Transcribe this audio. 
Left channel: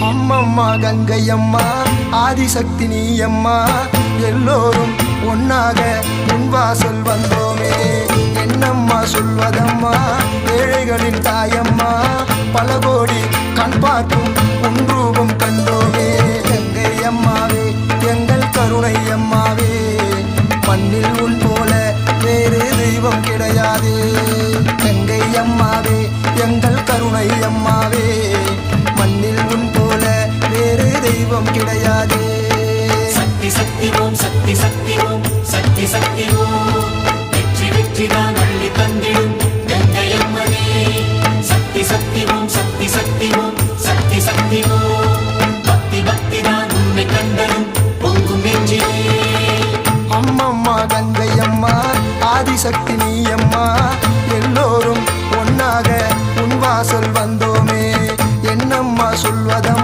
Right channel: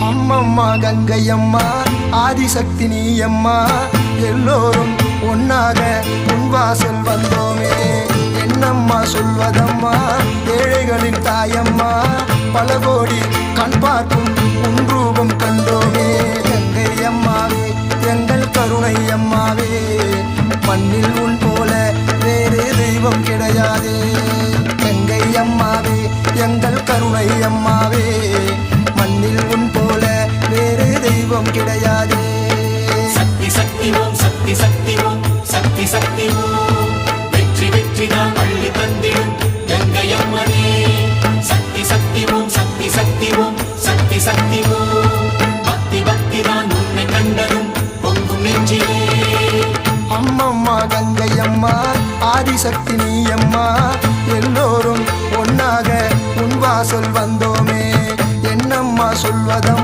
அம்மம்மா கங்கையம்மா ஆதிசக்தி நீ அம்மா, எல்லோரும் ஒன்னாக உன் வாசல் வந்தோமே. என்னம்மா சொல்வதம்மா ஏழைகளின் தாயம்மா, பல கோடி கண் பார்க்கும் உன் ரூபம் கண்டோமே. கங்கை அம்மாவே எங்கள் கருணை அம்மாவே, மண்ணில் உன் போல வேறு தெய்வம் கிடையாதே. கங்கை அம்மாவே எங்கள் கருணை அம்மாவே, மண்ணில் உன் போல வேறு தெய்வம் கிடையாதே. அம்மம்மா கங்கை அம்மா ஆதிசக்தி நீ அம்மா, எல்லோரும் ஒன்னாக உன் வாசல் வந்தோமே. என்னம்மா சொல்வதம்